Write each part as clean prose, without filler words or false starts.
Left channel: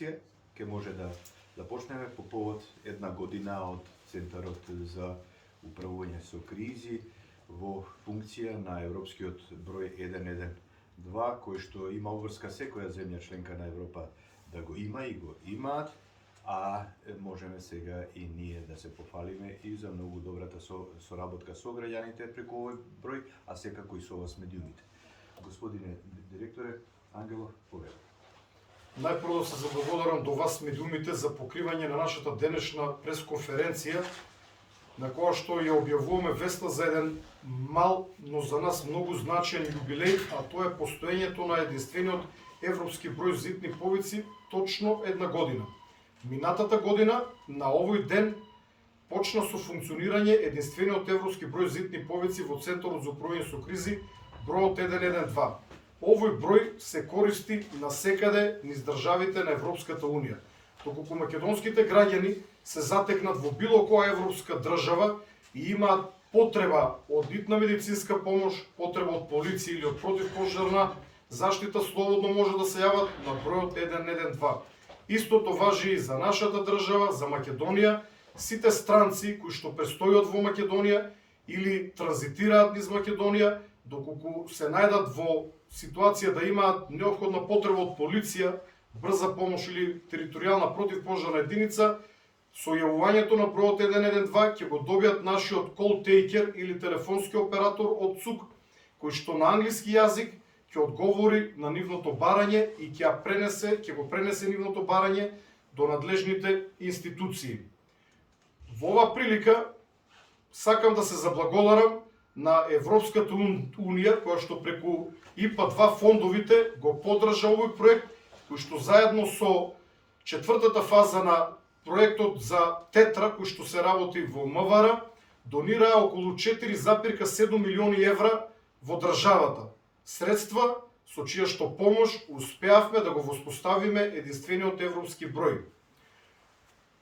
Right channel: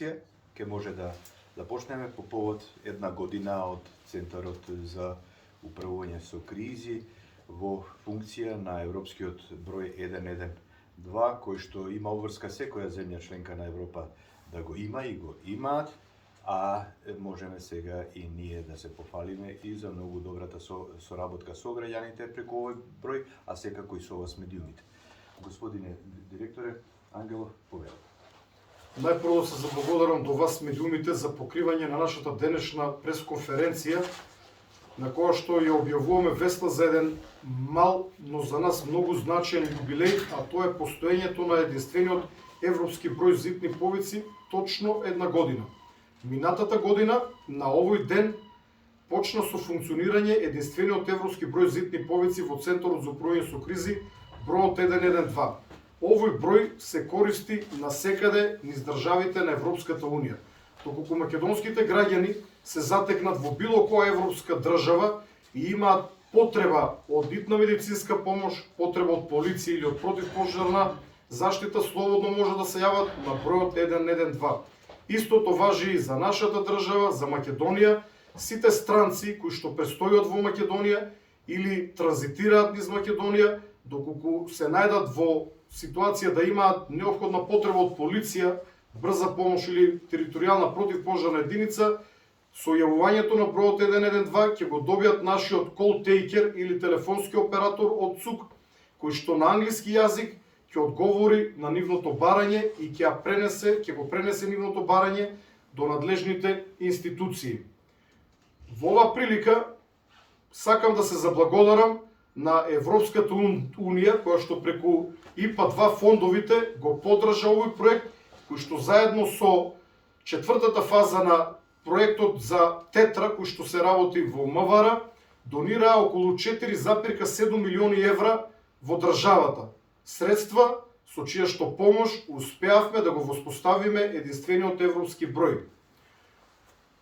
конференција ќе може да започнеме по повод една година од Центарот за управување со кризи во функција на европскиот број 112, кој што има обврска секоја земја членка на Европа да го има и го имаат, а можеме сега и ние да се пофалиме и за многу добрата соработка со граѓаните преку овој број, а секако и со вас медиумите. Господине директоре Ангелов, повелете. Најпрво да се заблагодарам до вас медиумите за покривање на нашата денешна пресконференција, на која што ја објавуваме веста за еден мал, но за нас многу значаен јубилеј, а тоа е постоењето на единствениот европски број зидни повици точно една година. Минатата година, на овој ден, почна со функционирање единствениот европски број зидни повици во Центарот за управување со кризи, бројот 112. Овој број се користи насекаде низ државите на Европската Унија. Доколку македонските граѓани се затекнат во било која европска држава и имаат потреба од итна медицинска помош, потреба од полиција или од противпожарна заштита, слободно може да се јават на бројот 112. Истото важи и за нашата држава, за Македонија. Сите странци кои што престојат во Македонија или транзитираат низ Македонија, доколку се најдат во ситуација да имаат неопходна потреба од полиција, брза помош или територијална противпожарна единица, со јавувањето на бројот 112 ќе го добијат нашиот call taker или телефонски оператор од ЦУК, кој што на англиски јазик ќе одговори на нивното барање и ќе го пренесе нивното барање до надлежните институции. Во оваа прилика сакам да се заблагодарам на Европската Унија, која што преку ИПА-2 фондовите го поддржа овој проект, кој што заедно со четвртата фаза на проектот за Тетра, кој што се работи во МВР, донираа околу 4,7 милиони евра во државата. Средства со чија што помош успеавме да го воспоставиме единствениот европски број.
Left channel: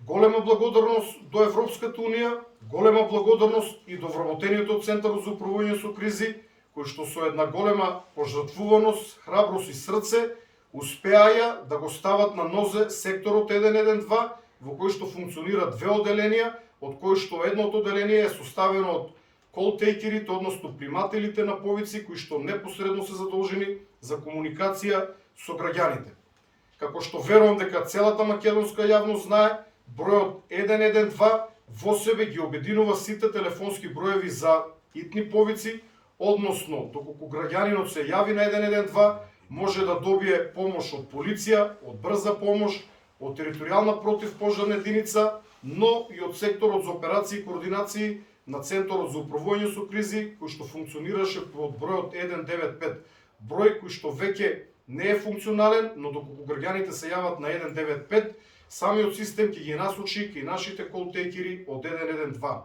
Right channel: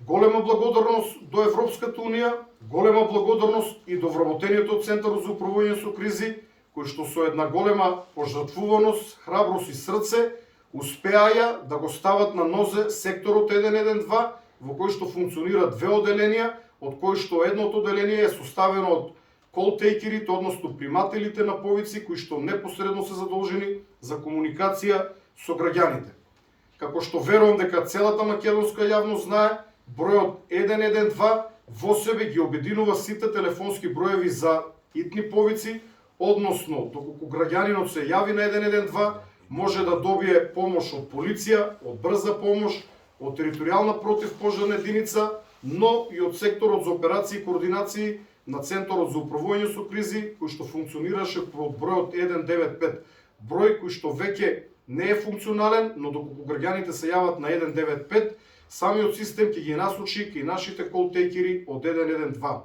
Голема благодарност до Европската Унија, голема благодарност и до вработените од Центарот за управување со кризи, кои што со една голема пожртвуваност, храброст и срце успеаја да го стават на нозе секторот 112, во кој што функционира две оделенија, од кои што едното оделение е составено од колтейкерите, односно примателите на повици, кои што непосредно се задолжени за комуникација со граѓаните. Како што верувам дека целата македонска јавност знае, бројот 112 во себе ги обединува сите телефонски броеви за итни повици, односно, доколку граѓанинот се јави на 112, може да добие помош од полиција, од брза помош, од територијална противпожарна единица, но и од секторот за операции и координации на Центарот за управување со кризи, кој што функционираше под бројот 195, број кој што веќе не е функционален, но доколку граѓаните се јават на 195, самиот систем ќе ги насочи кај нашите колтейкери од 112.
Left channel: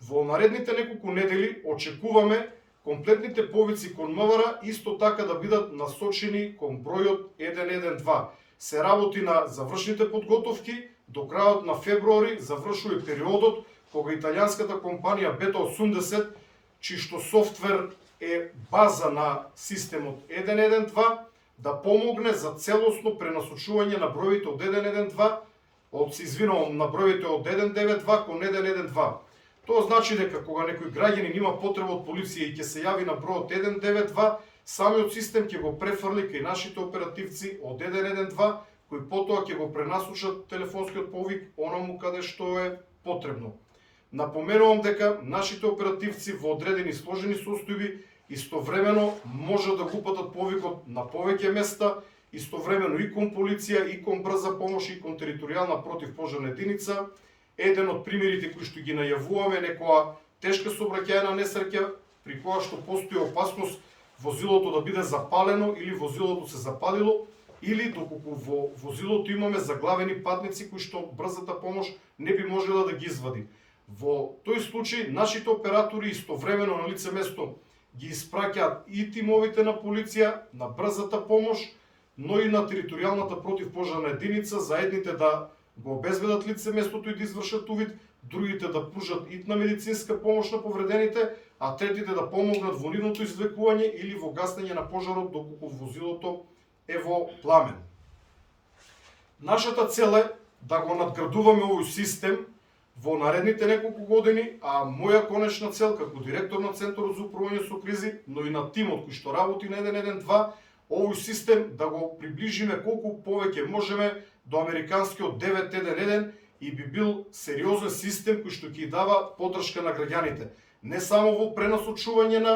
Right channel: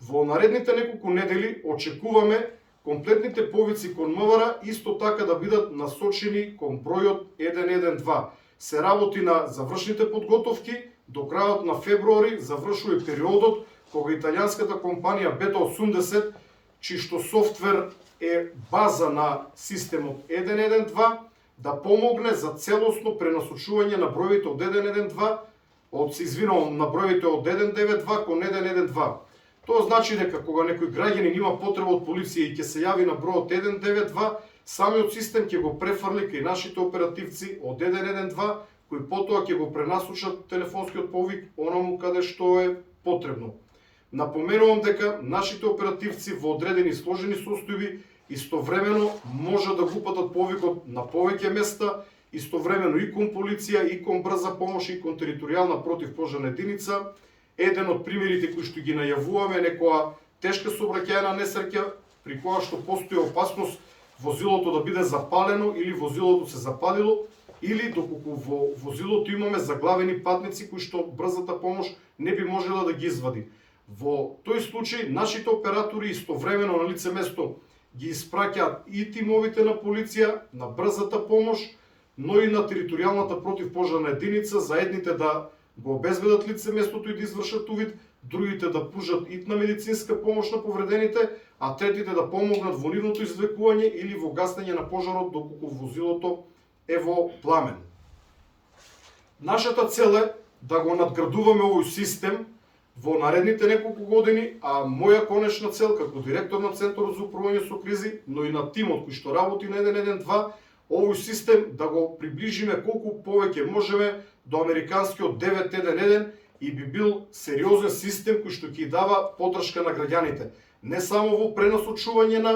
Во наредните неколку недели очекуваме комплетните повици кон МВР исто така да бидат насочени кон бројот 112. Се работи на завршните подготовки, до крајот на февруари завршува и периодот кога италијанската компанија Beta 80, чиј што софтвер е база на системот 112, да помогне за целосно пренасочување на броевите од 112, на броевите од 192 кон 112. Тоа значи дека кога некој граѓанин има потреба од полиција и ќе се јави на бројот 192, самиот систем ќе го префрли кај нашите оперативци од 112, кои потоа ќе го пренасочат телефонскиот повик онаму каде што е потребно. Напоменувам дека нашите оперативци во одредени сложени состојби истовремено може да го упатат повикот на повеќе места, истовремено и кон полиција, и кон брза помош, и кон територијална противпожарна единица. Еден од примерите кои што ги најавуваме е некоја тешка сообраќајна несреќа при која што постои опасност возилото да биде запалено или возилото се запалило, или доколку во возилото имаме заглавени патници кои што брзата помош не би можела да ги извади. Во тој случај нашите оператори истовремено на лице место ги испраќаат и тимовите на полиција, на брзата помош, но и на територијалната противпожарна единица, за едните да го обезбедат лице местото и да извршат увид, другите да пружат итна медицинска помош на повредените, а третите да помогнат во нивното извлекување или во гасење на пожарот доколку возилото е во пламен. Нашата цел е да го надградуваме овој систем во наредните неколку години, а моја конечна цел како директор на Центарот за управување со кризи, но и на тимот кој што работи на 112, овој систем да го приближиме колку повеќе можеме до американскиот 911 и би бил сериозен систем кој што ќе дава поддршка на граѓаните. Не само во пренасочување на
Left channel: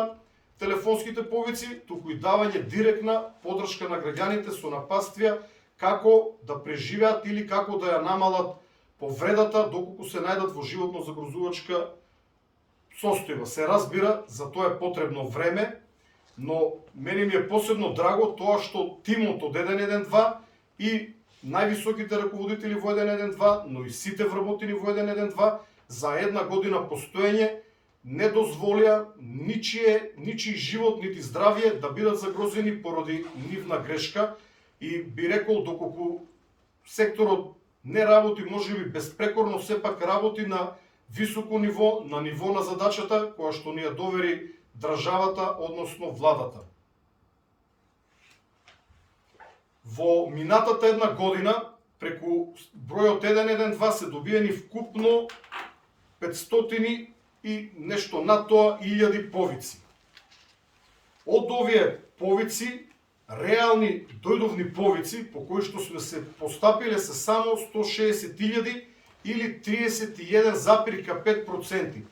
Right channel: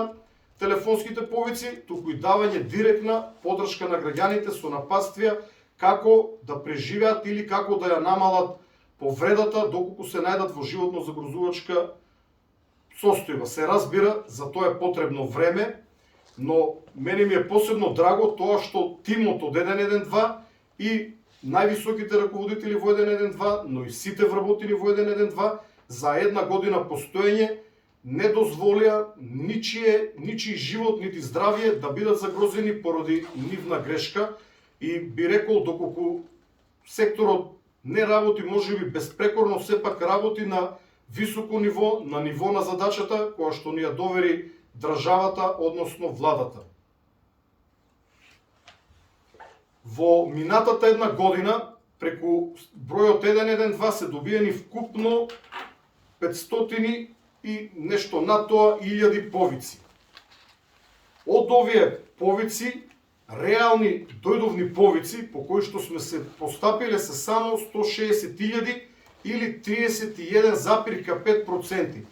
телефонските повици, туку и давање директна поддршка на граѓаните со напатствија како да преживеат или како да ја намалат повредата доколку се најдат во животно загрозувачка состојба. Се разбира, за тоа е потребно време, но мене ми е посебно драго тоа што тимот од 112 и највисоките раководители во 112, но и сите вработени во 112 за една година постоење не дозволија ничии живот нити здравје да бидат загрозени поради нивна грешка и би рекол доколку секторот не работи можеби безпрекорно, сепак работи на високо ниво на задачата која што ни ја довери државата, односно владата. Во минатата една година преку бројот 112 се добиени вкупно 500 и нешто над тоа 1000 повици. Од овие повици, реални дојдовни повици по кои што сме се постапиле се само 160.000 или 31,5%.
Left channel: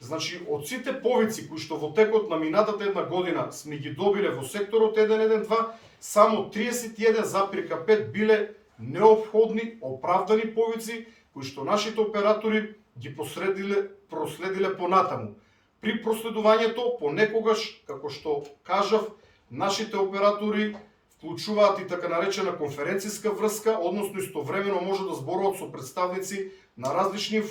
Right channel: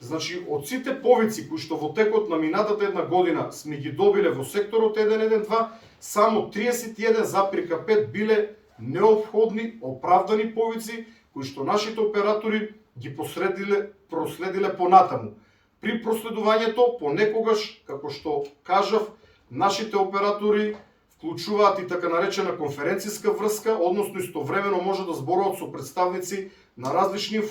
Значи, од сите повици кои што во текот на минатата една година сме ги добиле во секторот 112, само 31,5 биле неопходни, оправдани повици кои што нашите оператори ги проследиле понатаму. При проследувањето понекогаш, како што кажав, нашите оператори вклучуваат и така наречена конференцијска врска, односно истовремено може да зборуваат со представници на различни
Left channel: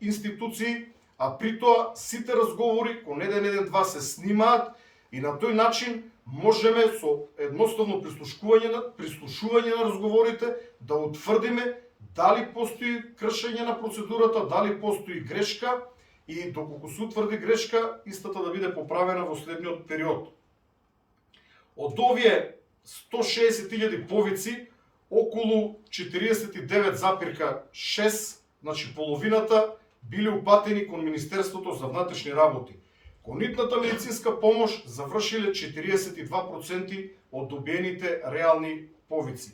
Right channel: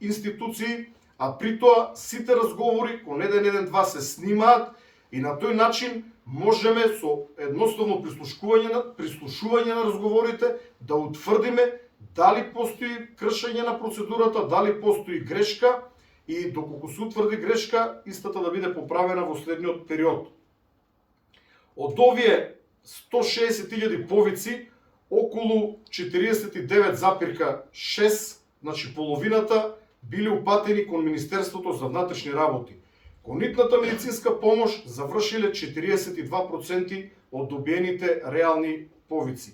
институции, а при тоа сите разговори кон 112 се снимаат и на тој начин можеме со едноставно прислушување на разговорите да утврдиме дали постои кршење на процедурата, дали постои грешка и доколку се утврди грешка, истата да биде поправена во следниот период. Од овие 160.000 повици, околу 49,6, значи половината, били упатени кон Министерството за внатрешни работи. Кон итната медицинска помош завршиле 42% од добиените реални повици.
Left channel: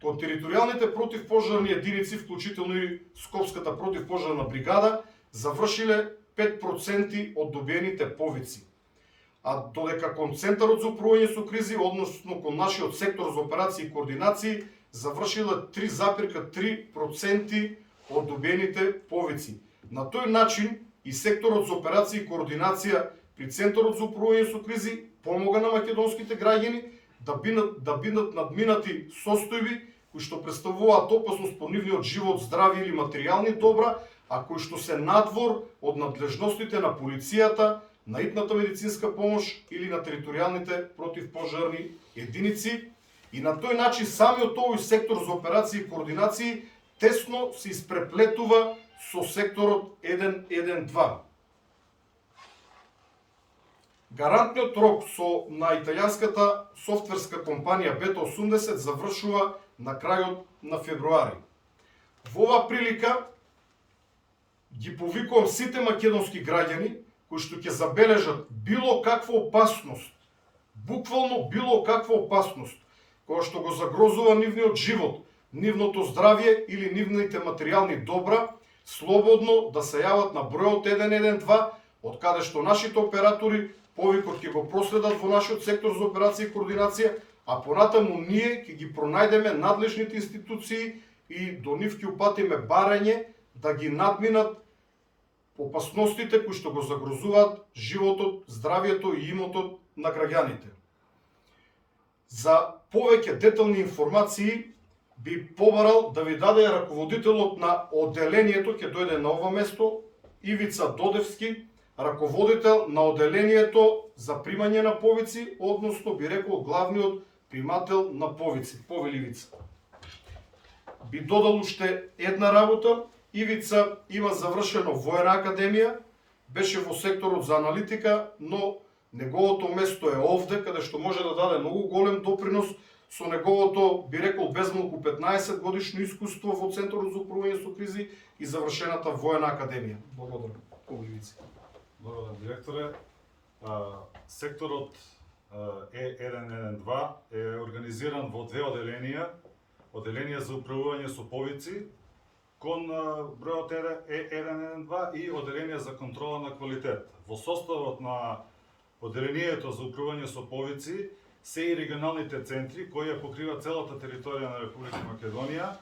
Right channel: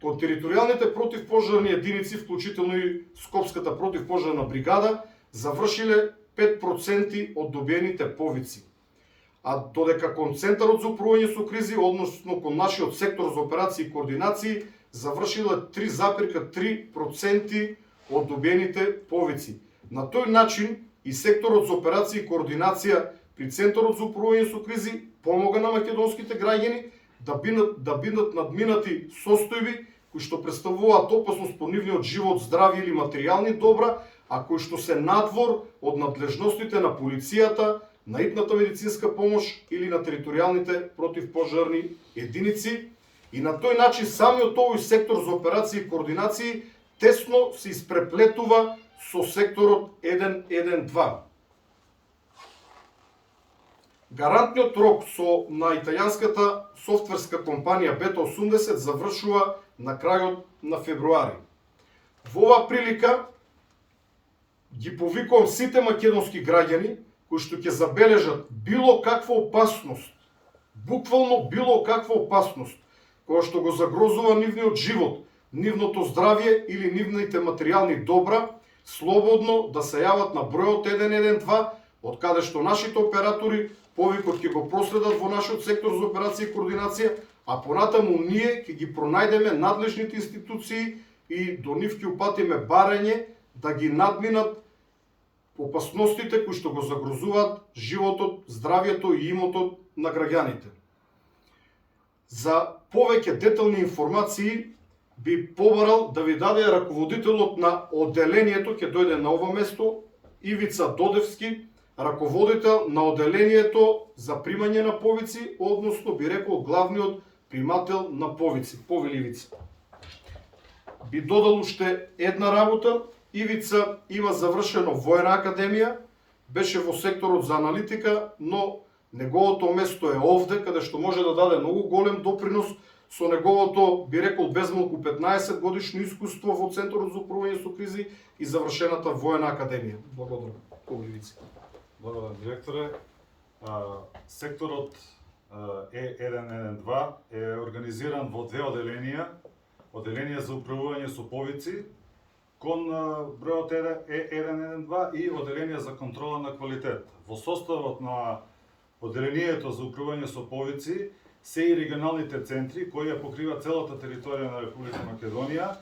Кон територијалните противпожарни единици, вклучително и Скопската противпожарна бригада, завршиле 5% од добиените повици. А додека кон Центарот за управување со кризи, односно кон нашиот сектор за операции и координации, завршиле 3,3% од добиените повици. На тој начин и секторот за операции и координација при Центарот за управување со кризи помога на македонските граѓани да бидат надминати состојби кои што представуваат опасност по нивниот живот, здравје или материјални добра, а кои што се надвор од надлежностите на полицијата, на итната медицинска помош или на територијалните противпожарни единици. И на тој начин самиот овој сектор за операции и координации тесно се испреплетува со секторот 112. Гарантниот рок на италијанската софтверска компанија Beta 80 завршува на крајот на февруари. Во оваа прилика ги повикувам сите македонски граѓани кои што ќе забележат било каква опасност, буквално било каква опасност, која што го загрозува нивниот живот, нивното здравје или нивните материјални добра, слободно да се јават на бројот 112, од каде што нашите оператори повикот ќе го проследат во нашиот сектор за операција и координација, а понатаму ние ќе ги пронајдеме надлежните институции и до нив ќе упатиме барање да ги надминат опасностите кои што го загрозуваат животот, здравјето и имотот на граѓаните. За повеќе детални информации би побарал да ви даде раководителот на одделението, ќе дојде на ова место, Ивица Додевски, раководител на одделението за примање на повици, односно би рекол главниот примател на повици, Повеливица. Би додал уште една работа. Ивица има завршено воена академија, беше во секторот за аналитика, но неговото место е овде, каде што може да даде многу голем допринос со неговото, би рекол, безмалку 15 годишно искуство во Центарот за управување со кризи и завршената воена академија. Благодарам. Погливици. Благодарам, директоре. Секторот Е112 е организиран во две оделенија. Оделенија за управување со повици кон бројот Е112 и оделенија за контрола на квалитет. Во составот на оделението за управување со повици се и регионалните центри кои ја покрива целата територија на Република Македонија,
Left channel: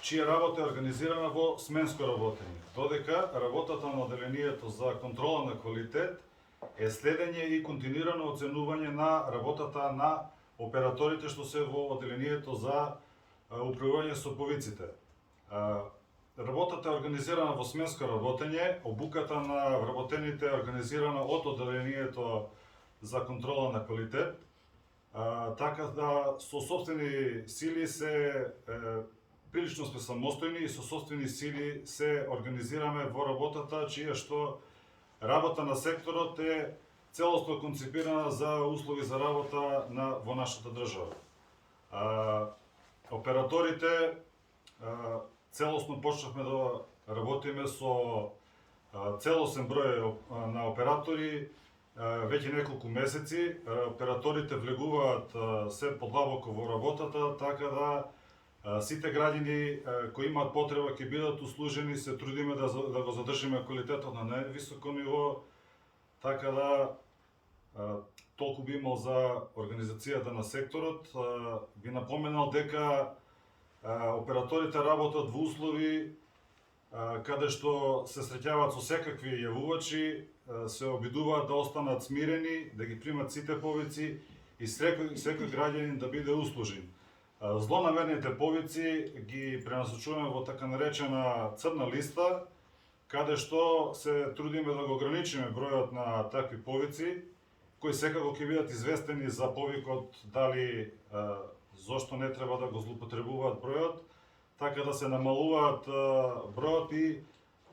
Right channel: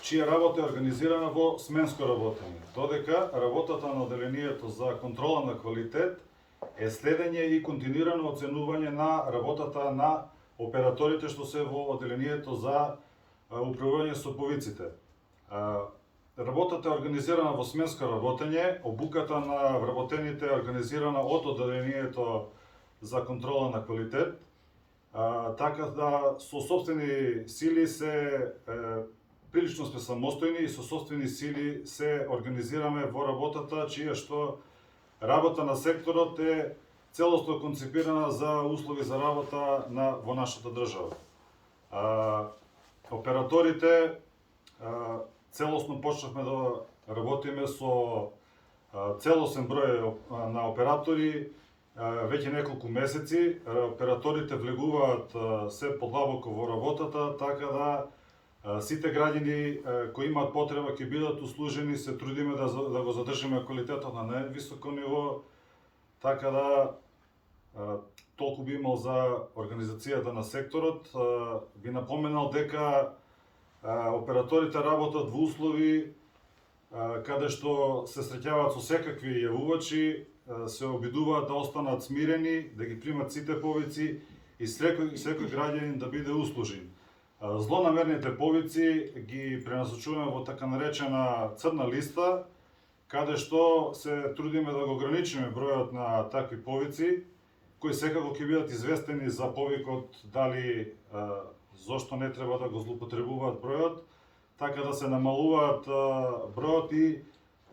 чија работа е организирана во сменско работење. Додека работата на оделението за контрола на квалитет е следење и континуирано оценување на работата на операторите што се во оделението за управување со повиците. Работата е организирана во сменско работење, обуката на вработените е организирана од оделението за контрола на квалитет, така да со собствени сили прилично сме самостојни и со собствени сили се организираме во работата, чија што работа на секторот е целосно концепирана за услови за работа во нашата држава. Операторите целосно почнавме да работиме со целосен број на оператори веќе неколку месеци. Операторите влегуваат се подлабоко во работата, така да сите граѓани кои имаат потреба ќе бидат услужени, се трудиме да го задржиме квалитетот на највисоко ниво, така да толку би имал за организацијата на секторот. Би напоменал дека операторите работат во услови каде што се среќаваат со секакви јавувачи, се обидуваат да останат смирени, да ги примат сите повици и секој граѓанин да биде услужен. Злонамерните повици ги пренасочуваме во така наречена црна листа, каде што се трудиме да го ограничиме бројот на такви повици, кои секако ќе бидат известени за повикот, дали зошто не треба да го злоупотребуваат бројот, така да се намалуваат бројот и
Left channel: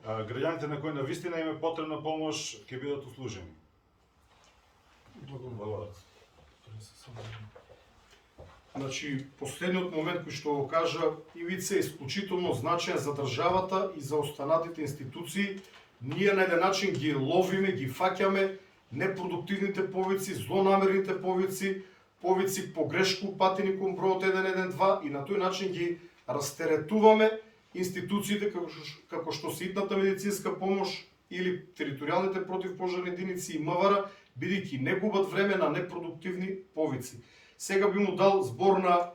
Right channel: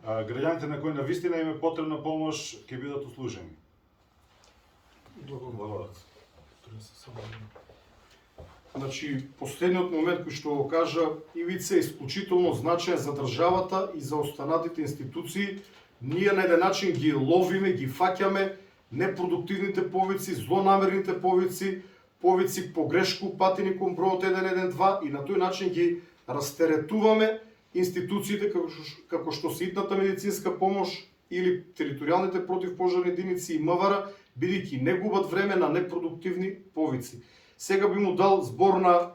граѓаните на кои навистина им е потребна помош ќе бидат услужени. Благодарам. Значи, последниот момент кој што го кажа Ивица е исклучително значаен за државата и за останатите институции. Ние на еден начин ги ловиме, ги фаќаме непродуктивните повици, злонамерните повици, повици погрешко упатени кон бројот 112 и на тој начин ги растеретуваме институциите како што се итната медицинска помош или територијалните противпожарни единици и МВР, бидејќи не губат време на непродуктивни повици. Сега би му дал збор на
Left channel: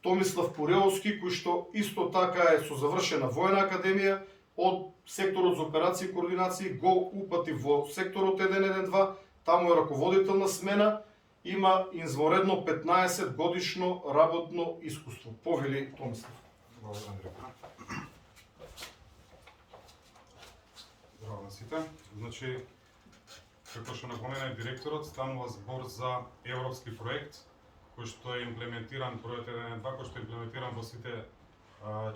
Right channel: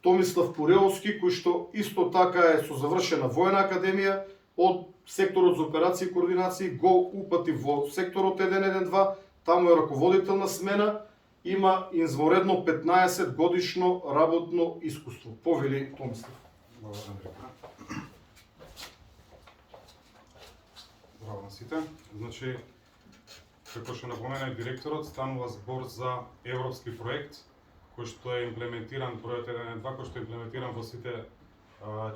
Томислав Пуреовски, кој што исто така е со завршена воена академија од секторот за операции и координации, го упати во секторот 112, таму е раководител на смена, има извонредно 15 годишно работно искуство. Повели Томислав. Благодарам, директор. Здраво на сите. Значи, како што напомена директорот, станува збор за европски проект кој што е имплементиран, проект 1.2, кој што е имплементиран во сите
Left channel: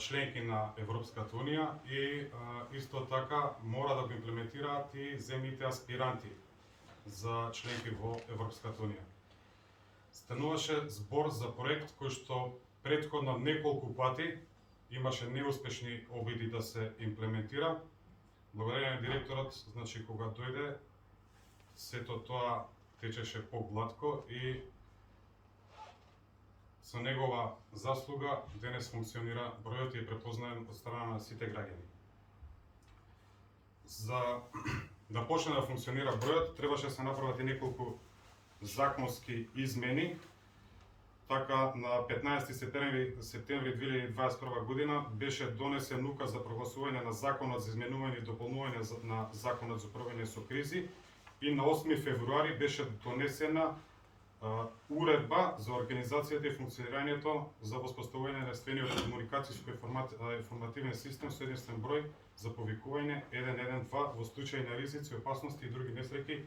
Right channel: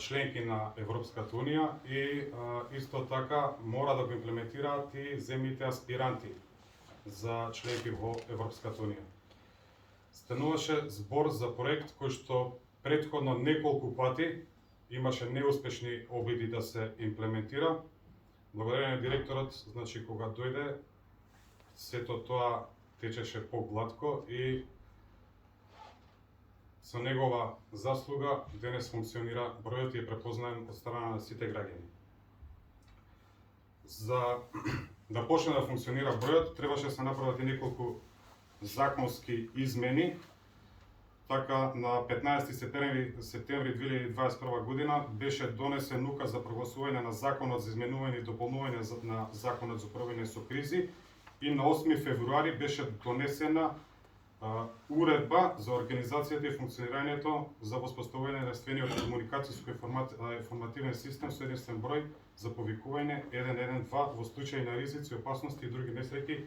членки на Европската Унија и исто така мора да го имплементираат и земјите аспиранти за членки во Европската Унија. Стануваше збор за проект кој што претходно неколку пати имаше неуспешни обиди да се имплементира. Благодарение на директорот, значи кога дојде, сето тоа течеше поглатко и со негова заслуга денес функционира бројот и е препознаен од страна на сите граѓани. За да почне да функционира бројот, требаше да се направат и неколку законски измени. Така, на 15 септември 2021 година беше донесен указ за прогласување на Законот за изменување и дополнување на Законот за управување со кризи и на 8 февруари беше донесена уредба за организацијата и функционирањето за воспоставување на единствениот комуникацијско-информативен систем со единствен број за повикување 112 во случај на ризици, опасности и други несреќи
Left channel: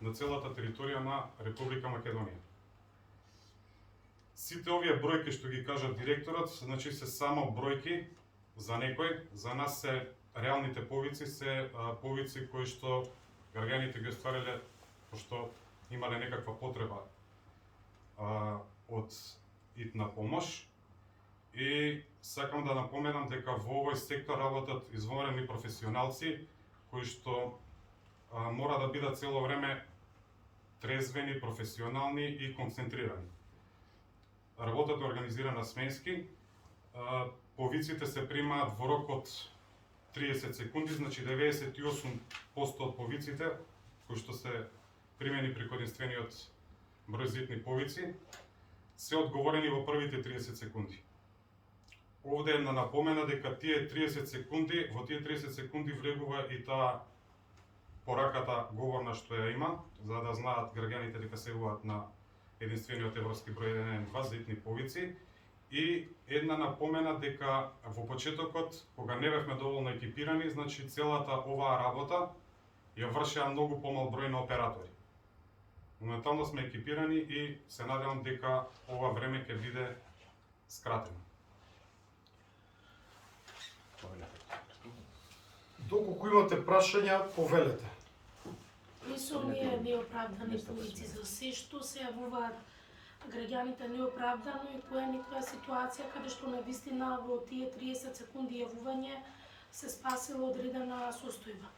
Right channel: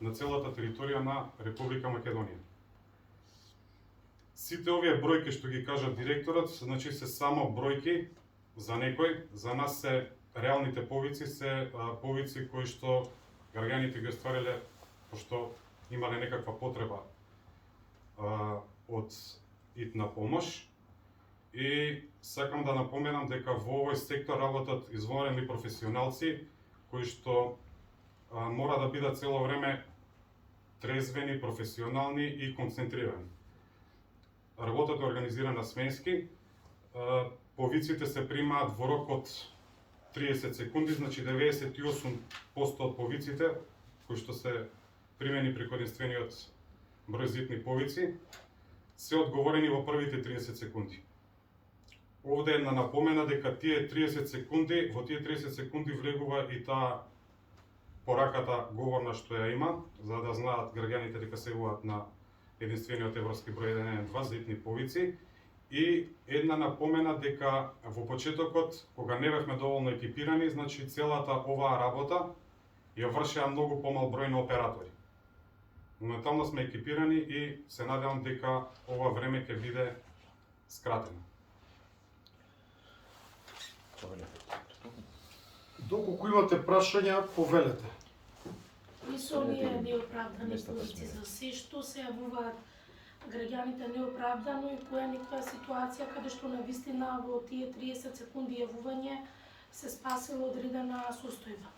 на целата територија на Република Македонија. Сите овие бројки што ги кажа директорот, значи се само бројки за некој, за нас се реалните повици, се повици кои што граѓаните ги оствариле пошто имале некаква потреба од итна помош. И сакам да напоменам дека во овој сектор работат извонредни професионалци кои што мора да бидат цело време трезвени, професионални и концентрирани. Работата е организирана сменски, повиците се примаат во рок од 30 секунди, значи 98% од повиците кои што се примени преку единствениот број зитни повици се одговорени во првите 30 секунди. Овде е една напомена дека тие 30 секунди, во тие 30 секунди влегува и таа пораката говорна што ја има, за да знаат граѓаните дека се јавуваат на единствениот европски број 112 зитни повици. И една напомена дека во почетокот, кога не бевме доволно екипирани, значи целата оваа работа ја вршеа многу помал број на оператори. Моментално сме екипирани и се надевам дека ова време ќе биде скратено. Доколку имате прашања, повелете. Кои се оние неоправдани повици за се што се јавуваат граѓаните неоправдано и која е некоја ситуација каде што навистина во тие 30 секунди јавување се спасила одредена состојба?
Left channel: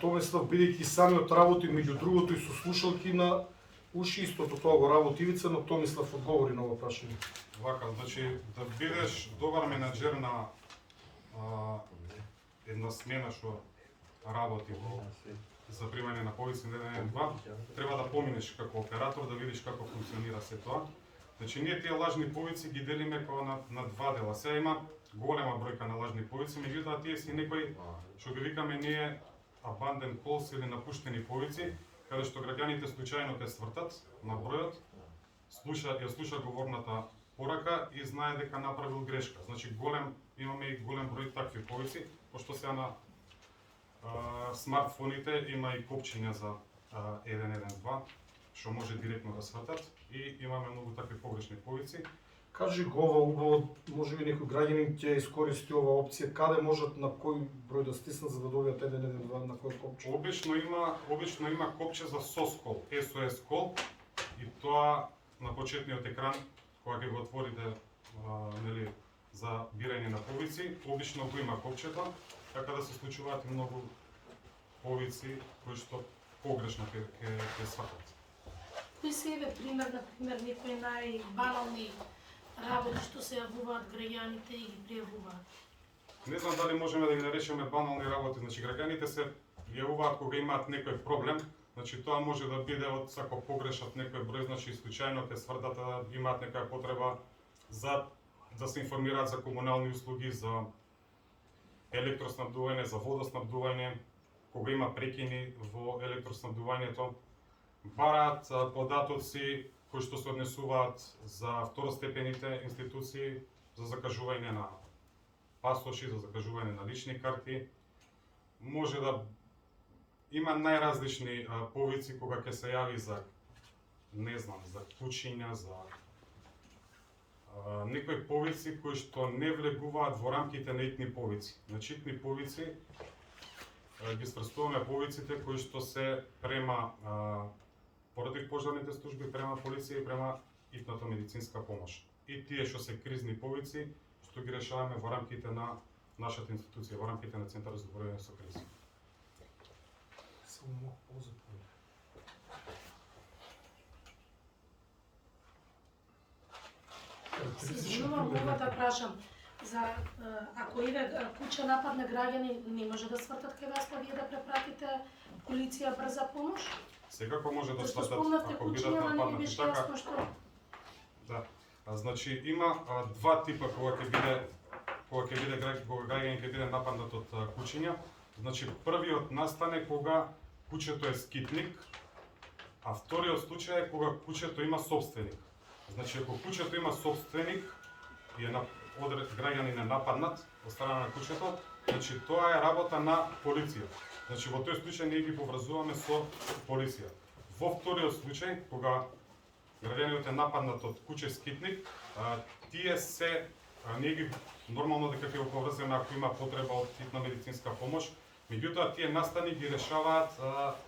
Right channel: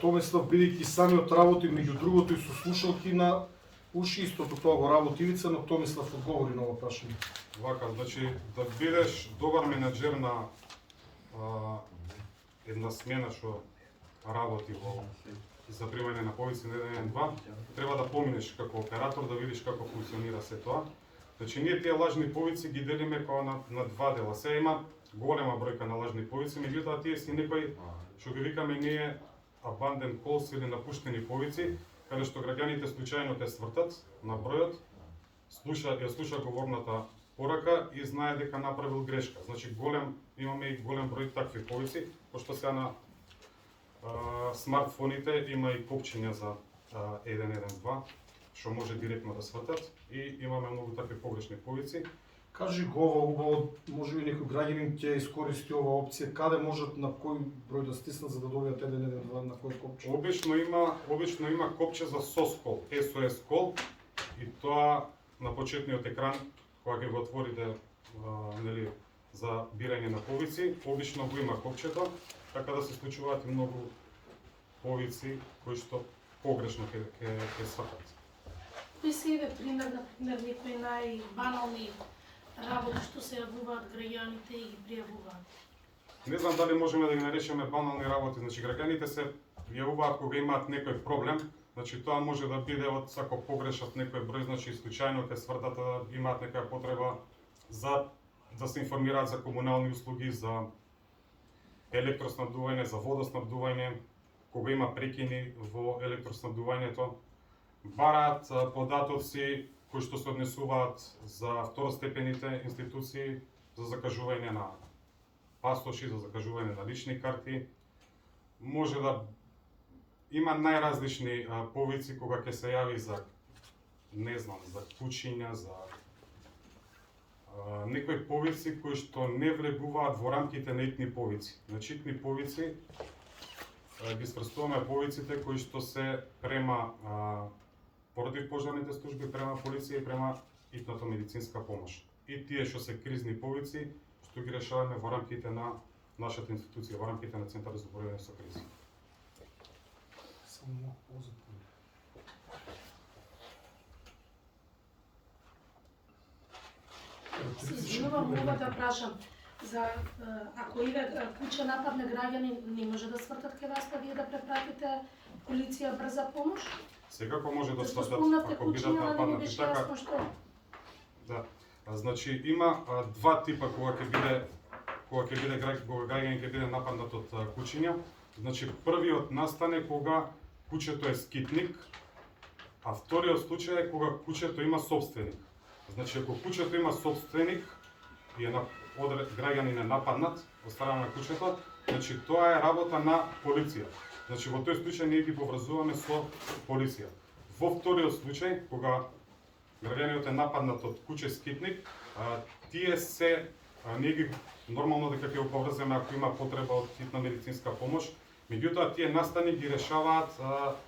Томислав, бидејќи самиот работи, меѓу другото и со слушалки на уши, истото тоа го работи Ивица, но Томислав одговори на ова прашање. Вака, значи да бидеш добар менаџер на една смена што работи во за примање на повици на 112, треба да поминеш како оператор, да видиш како функционира се тоа. Значи ние тие лажни повици ги делиме како на два дела. Сега има голема бројка на лажни повици, меѓутоа тие си некои што ги викаме ние abandoned calls или напуштени повици, каде што граѓаните случајно ќе свртат на бројот, ја слуша говорната порака и знае дека направил грешка. Значи имаме и голем број такви повици, пошто сега на смартфоните има и копчиња за 112, што може директно да свртат и имаме многу такви погрешни повици. Кажи го ова убаво, може би некој граѓанин ќе искористи ова опција, каде можат на кој број да стиснат за да добијат 112, на кој копче? Обично има копче за SOS call, SOS call, и тоа на почетниот екран кога ќе го отворите нели за бирање на повици, обично го има копчето, така да се случуваат и многу повици кои што погрешно ќе свртат. Кои се еве пример, например, некои најбанални работи што се јавуваат граѓаните и ги пријавуваат? Не знам дали можеме да ги наречеме банални работи, значи граѓаните се јавуваат кога имаат некој проблем, значи тоа може да биде од сако погрешат некој број, значи случајно ќе свртат да имаат некоја потреба за да се информираат за комунални услуги, за електроснабдување, за водоснабдување, кога има прекини во електроснабдувањето, бараат податоци кои што се однесуваат за второстепените институции, за закажување на пасоши, за закажување на лични карти. Може да има најразлични повици кога ќе се јави за, не знам, за кучиња, за некои повици кои што не влегуваат во рамките на итни повици. Значи итни повици ги сврстуваме повиците кои што се према против пожарните служби, према полиција и према итната медицинска помош. И тие што се кризни повици, што ги решаваме во рамките на нашата институција, во рамките на Центарот за борба со кризи. Се извинувам, мога да прашам, за ако еве куќа нападне граѓани, не може да свртат кај вас, па вие да препратите полиција брза помош? Секако може да Зашто свртат спомнавте ако бидат куќиња, да не ми нападнати беше така. јасно што? Да. Значи има два типа кога ќе биде граѓанин ќе биде нападнат од кучиња. Значи првиот настане кога куќето е скитник, а вториот случај е кога куќето има собственик. Значи ако куќето има собственик и граѓанин е нападнат од страна на куќето, значи тоа е работа на полиција. Значи во тој случај ние ги поврзуваме со полиција. Во вториот случај кога граѓанинот е нападнат од куќе скитник, тие се ние ги нормално дека ќе го поврземе ако има потреба од хитна медицинска помош, меѓутоа тие настани ги решаваат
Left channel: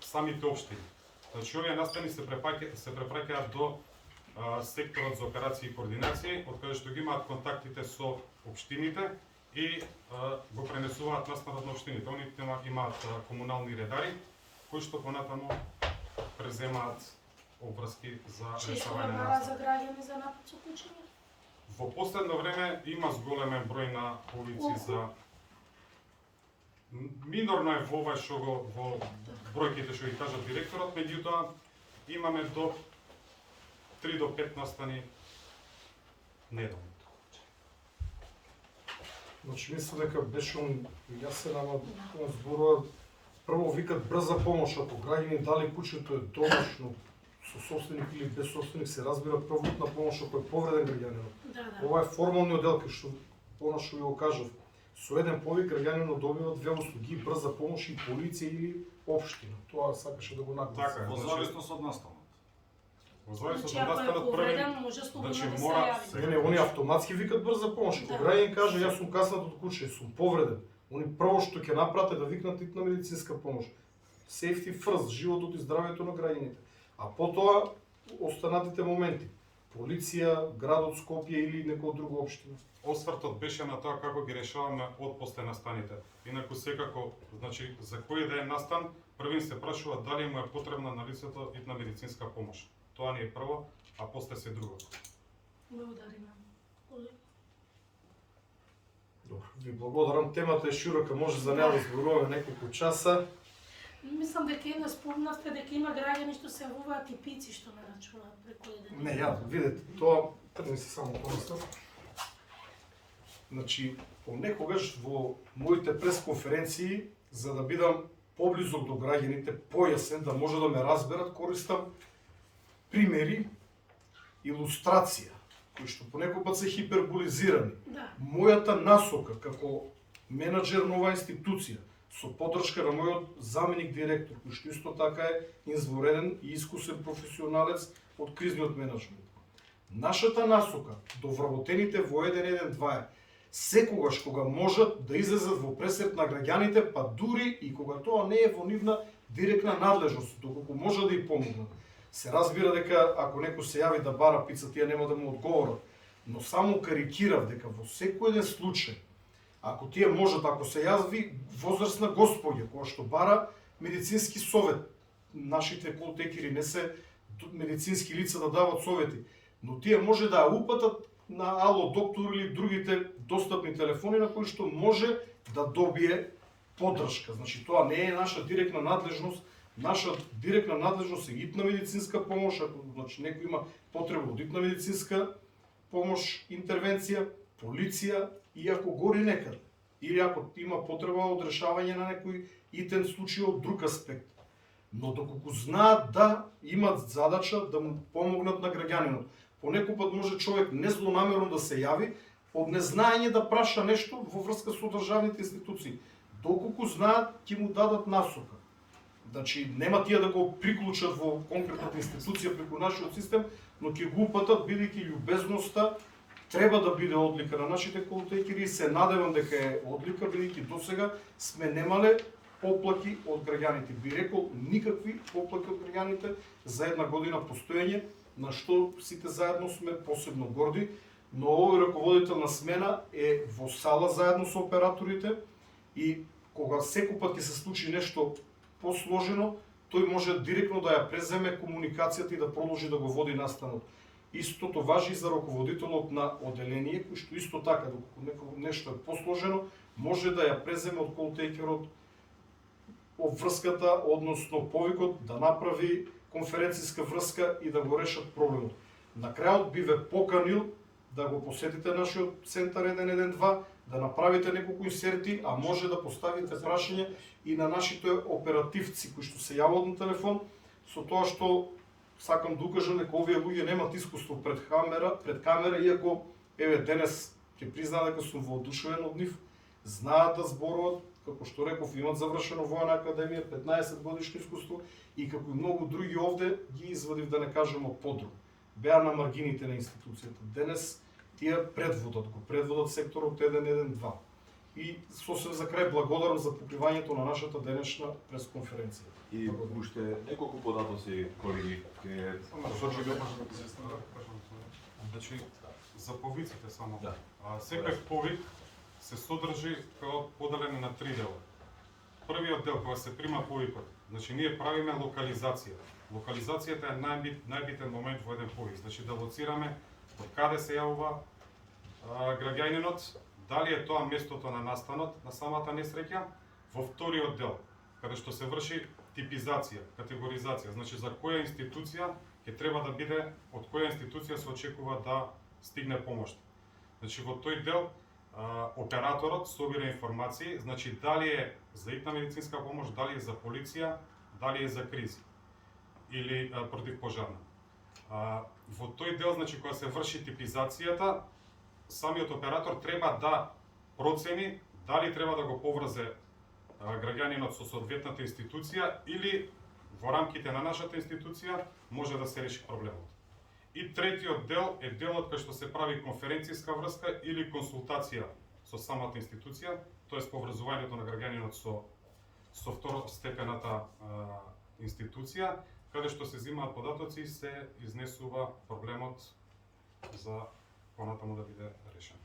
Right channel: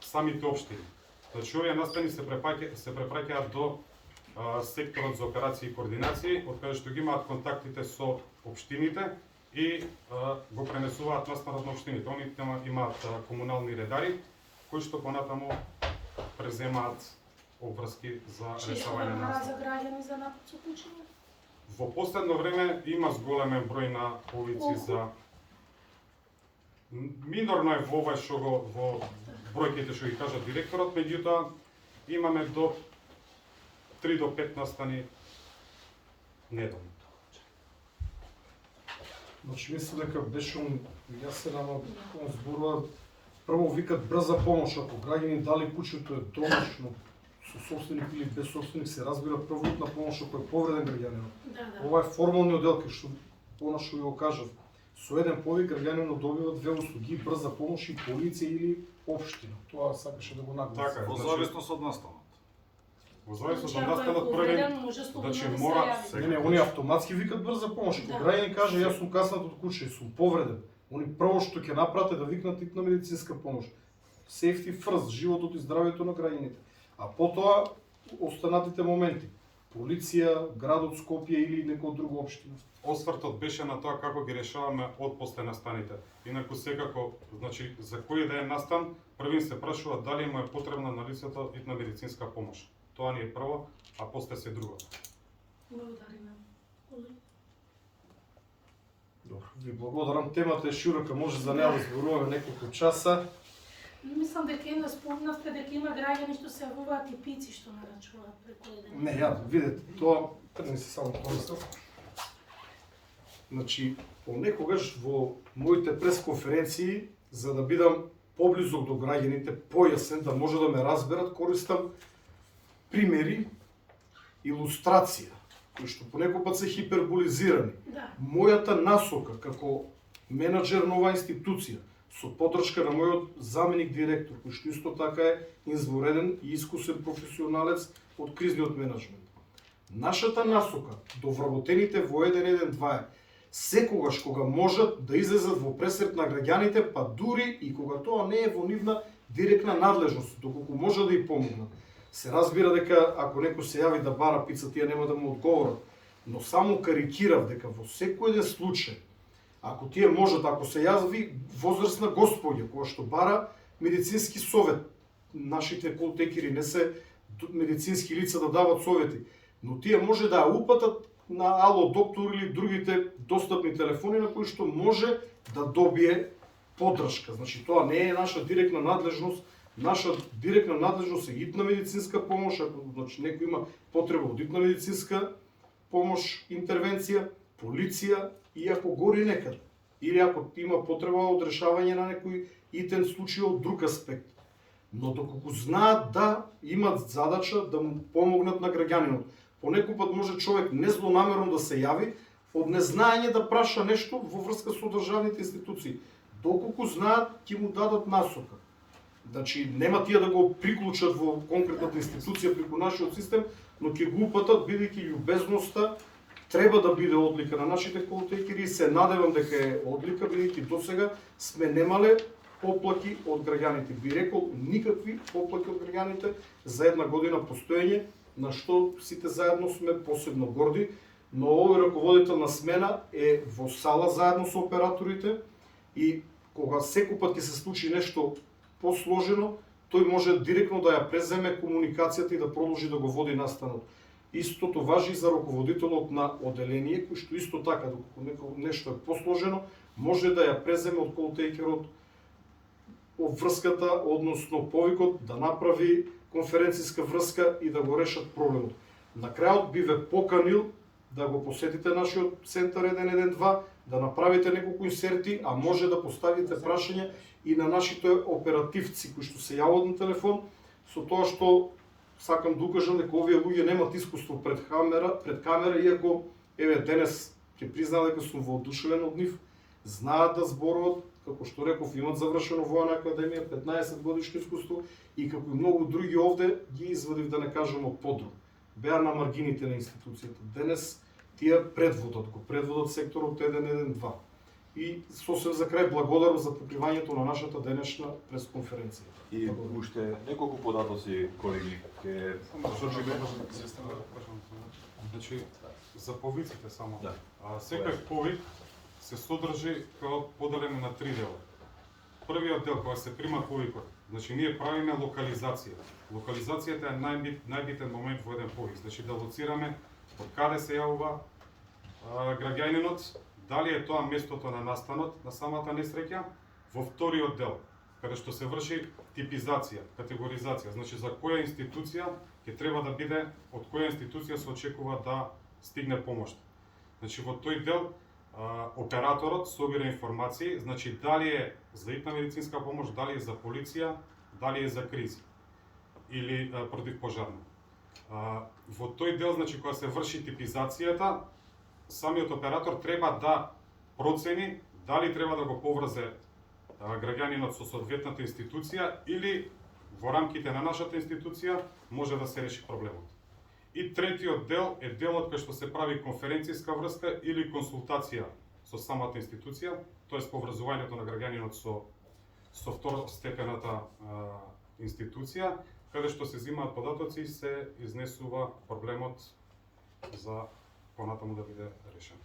самите општини. Значи овие настани се препраќаат до секторот за операции и координации, од каде што ги имаат контактите со општините и го пренесуваат настанот на општините. Они имаат комунални редари кои што понатаму преземаат обврски за Често решавање на бара настан. за граѓани за напад со кучиња? Во последно време има зголемен број на повици за минорно е во ова што го во бројките што ги кажа директорот, меѓутоа имаме до 3 до 5 настани неделно. Значи мислам дека беше јасен, ама он зборува прво викат брза помош, ако граѓани дали куќето е домашно со собственик или без собственик, се разбира прво на помош ако е повреден граѓанинот. Да. Ова е формални одел, што она што ви го кажав. Со еден повик граѓанинот добива две услуги, брза помош и полиција или општина. Тоа сакаше да го нагласи. Така е, во Значи- зависност од настанот. Во зависност Значи, од ако е настанот повреден, први, може слободно значи, да се мора јави. Не, они автоматски викат брза помош. Ако Да. граѓанин каже јас сум каснат од куќа и сум повреден, они прво што ќе направат е да викнат итна медицинска помош. Safety first, животот и здравјето на граѓаните. А потоа останатите моменти. Полиција, градот Скопје или некоја друга општина. освртот беше на тоа како ги решаваме од после настаните. Инаку секако, значи за кој да е настан, првин се прашува дали му е потребна на лицето итна медицинска помош. Тоа ни е прво, а после се другото. Благодари на колеги. Добро, ви благодарам. Темата е широка, може за неа да зборуваме неколку часа. Мислам дека една спомнавте дека има граѓани што се јавуваат и пици што нарачуваат преку еден. Не, ја, видете, тоа тргни се само помислам. Значи, понекогаш во моите пресконференции, за да бидам поблизок до граѓаните, појасен, да може да ме разберат, користам примери, илустрација, кои што понекогаш се хиперболизирани. Да. Мојата насока како менаџер на оваа институција, со поддршка на мојот заменик директор, кој што исто така е извореден и искусен професионалец од кризниот менеджмент. Нашата насока до вработените во 112 е секогаш кога можат да излезат во пресрет на граѓаните, па дури и кога тоа не е во нивна директна надлежност, доколку може да ја помогнат. Се разбира дека ако некој се јави да бара пица, тие нема да му одговорат, но само карикирав дека во секој еден случај, ако тие можат, ако се јави возрастна господја која што бара медицински совет, нашите колтекери не се медицински лица да дават совети, но тие може да ја упатат на Ало доктор или другите достапни телефони на кои што може да добие поддршка. Значи тоа не е наша директна надлежност. Наша директна надлежност е итна медицинска помош, ако значи некој има потреба од итна медицинска помош, интервенција, полиција и ако гори некаде. Или ако има потреба од решавање на некој итен случај од друг аспект. Но доколку знаат да имат задача да му помогнат на граѓанинот. Понекој пат може човек незлонамерно да се јави од незнаење да праша нешто во врска со државните институции. Доколку знаат, ќе му дадат насока. Значи, нема тие да го приклучат во конкретната институција преку нашиот систем, но ќе го упатат, бидејќи љубезноста треба да биде одлика на нашите колтекери и се надевам дека е одлика, бидејќи досега сме немале поплаки од граѓаните. Би рекол, никакви поплаки од граѓаните за една година постоење, на што сите заедно сме посебно горди, но овој раководител на смена е во сала заедно со операторите и кога секој пат ќе се случи нешто посложено, тој може директно да ја преземе комуникацијата и да продолжи да го води настанот. Истото важи и за раководителот на оделение, кој што исто така, доколку нешто е посложено, може да ја преземе од колтейкерот врската, односно повикот, да направи конференцијска врска и да го решат проблемот. На крајот би ве поканил да го посетите нашиот центар 112, да направите неколку инсерти, а може да поставите прашање и на нашите оперативци кои што се јават на телефон, со тоа што сакам да укажам дека овие луѓе немат искуство пред камера, иако еве денес ќе признам дека сум воодушевен од нив, знаат да зборуват, како што реков, имат завршено војна академија, 15 годишно искуство и како и многу други овде ги извадив, да не кажам, од подрум. Беа на маргините на институцијата. Денес тие предводат секторот 112. И сосем за крај благодарам за покривањето на нашата денешна пресконференција. И уште неколку податоци, колеги, ке посочиме. Значи, за повиците само. Да. Секој повик се содржи како поделен на 3 дела. Првиот дел, кога се прима повикот, значи ние правиме локализација. Локализацијата е најбитен момент во еден повик. Значи да лоцираме од каде се јавува граѓанинот, дали е тоа местото на настанот на самата несреќа. Во вториот дел, каде што се врши типизација, категоризација, значи за која институција ќе треба да биде, од која институција се очекува да стигне помош. Значи во тој дел операторот собира информации, значи дали е за итна медицинска помош, дали е за полиција, дали е за кризи или противпожарна. Во тој дел, значи кога се врши типизацијата, самиот оператор треба да процени дали треба да го поврзе граѓанинот со соодветната институција или во рамките на нашата институција може да се реши проблемот. И третиот дел е делот кај што се прави конференцијска врска или консултација со самата институција, тоест поврзувањето на граѓанинот со второстепената институција, каде што се земаат податоци и се изнесува проблемот за понатаму да биде решен.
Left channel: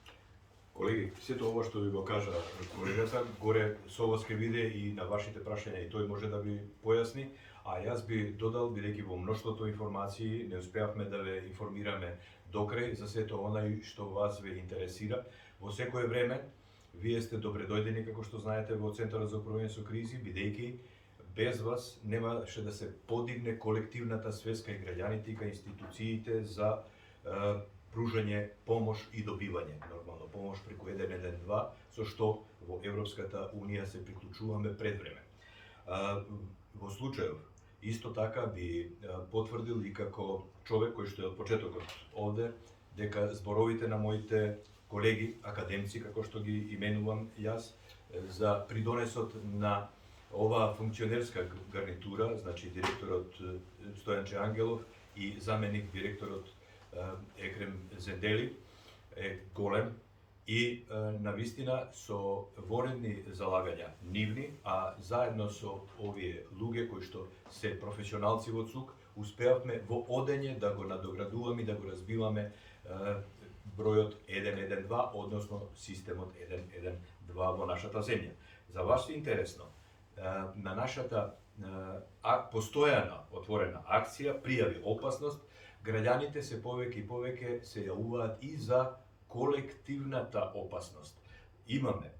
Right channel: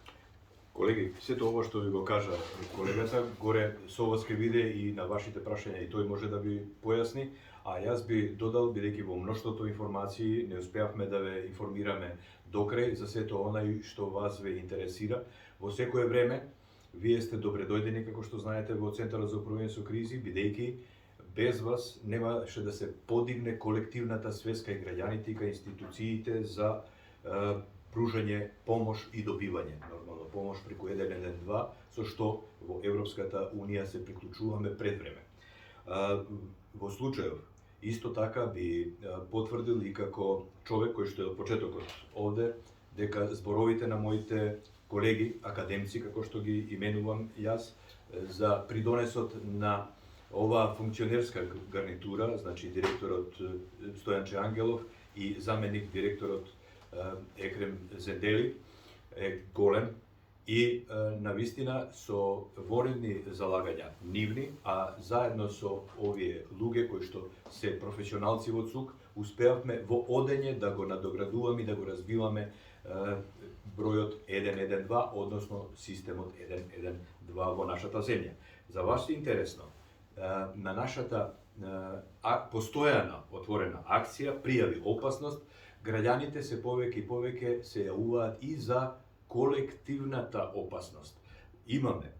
Колеги, сето ова што ви го кажа колегата, горе со вас ке биде и на вашите прашања и тој може да ви појасни, а јас би додал, бидејќи во мноштвото информации не успеавме да ве информираме докрај за сето онај што вас ве интересира. Во секое време, вие сте добре дојдени, како што знаете, во Центарот за управување со кризи, бидејќи без вас немаше да се подигне колективната свест кај граѓаните и кај институциите за пружање помош и добивање, нормално, помош преку 112, со што во Европската Унија се приклучуваме пред време. Во случајов, исто така би потврдил и како човек кој што е од почетокот овде, дека зборовите на моите колеги, академци, како што ги именувам јас, за придонесот на оваа функционерска гарнитура, значи директорот Стојанче Ангелов и заменик директорот Екрем Зендели е голем и навистина со воредни залагања нивни, а заедно со овие луѓе кои што се професионалци во ЦУК, успеавме во одење да го надоградуваме и да го разбиваме бројот 112, односно системот 112 во нашата земја. За вас е интересно, на нашата постојана отворена акција пријави опасност, граѓаните се повеќе и повеќе се јавуваат и за колективната опасност. Имаме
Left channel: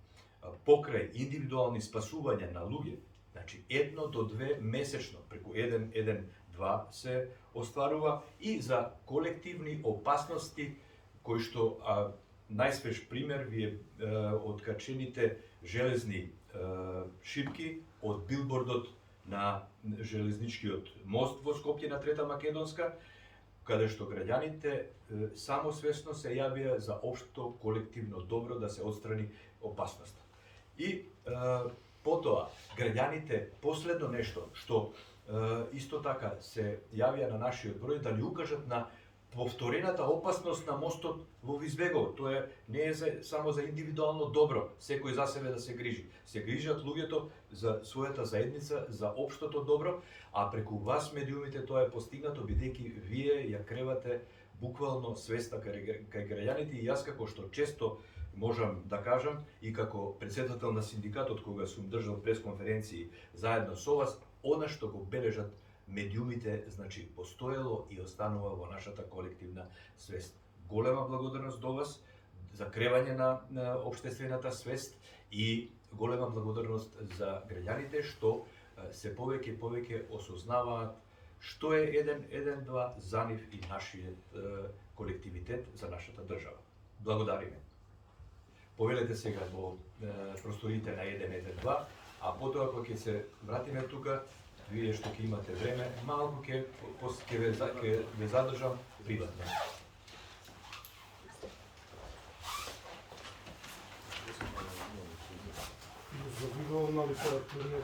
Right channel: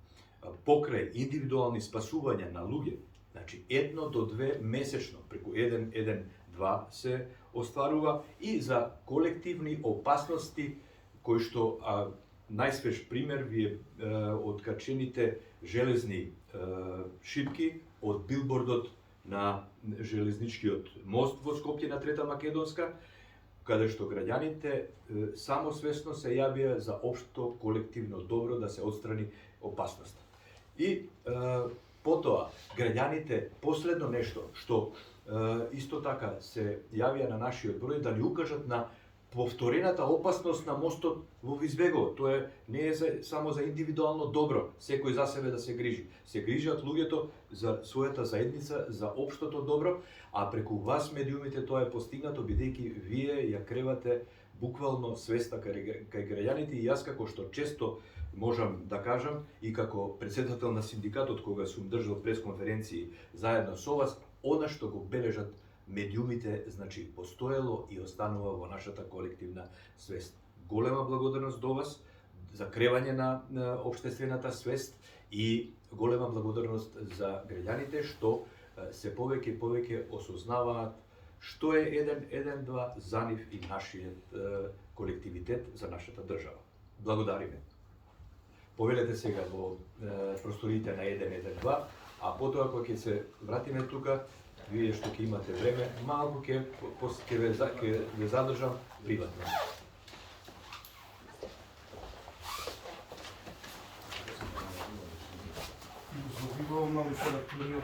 покрај индивидуални спасувања на луѓе, значи 1 до 2 месечно преку 112 се остварува и за колективни опасности кои што најсвеж пример ви е откачените железни шипки од билбордот на железничкиот мост во Скопје на Трета Македонска, каде што граѓаните самосвесно се јавија за општо колективно добро да се отстрани опасноста. И потоа граѓаните последно нешто што исто така се јавија на нашиот број да ни укажат на повторената опасност на мостот во Визбегово. Тоа не е само за индивидуално добро, секој за себе да се грижи. Се грижат луѓето за својата заедница, за општото добро, а преку вас медиумите тоа е постигнато бидејќи вие ја кревате буквално свеста кај граѓаните и јас како што често можам да кажам и како претседател на синдикатот кога сум држал пресконференции заедно со вас, она што го бележат медиумите, значи постоело и останува во нашата колективна свест. Голема благодарност до вас за кревање на општествената свест и голема благодарност за граѓаните што се повеќе и повеќе осознаваат што е 112 за нив и нашиот колективитет за нашата држава. Благодариме. Повелете сега во просториите на 112, а потоа кога ќе се вратиме тука, вие што ќе имате време, малку ќе ве задржам приватно. Изобивално литературниот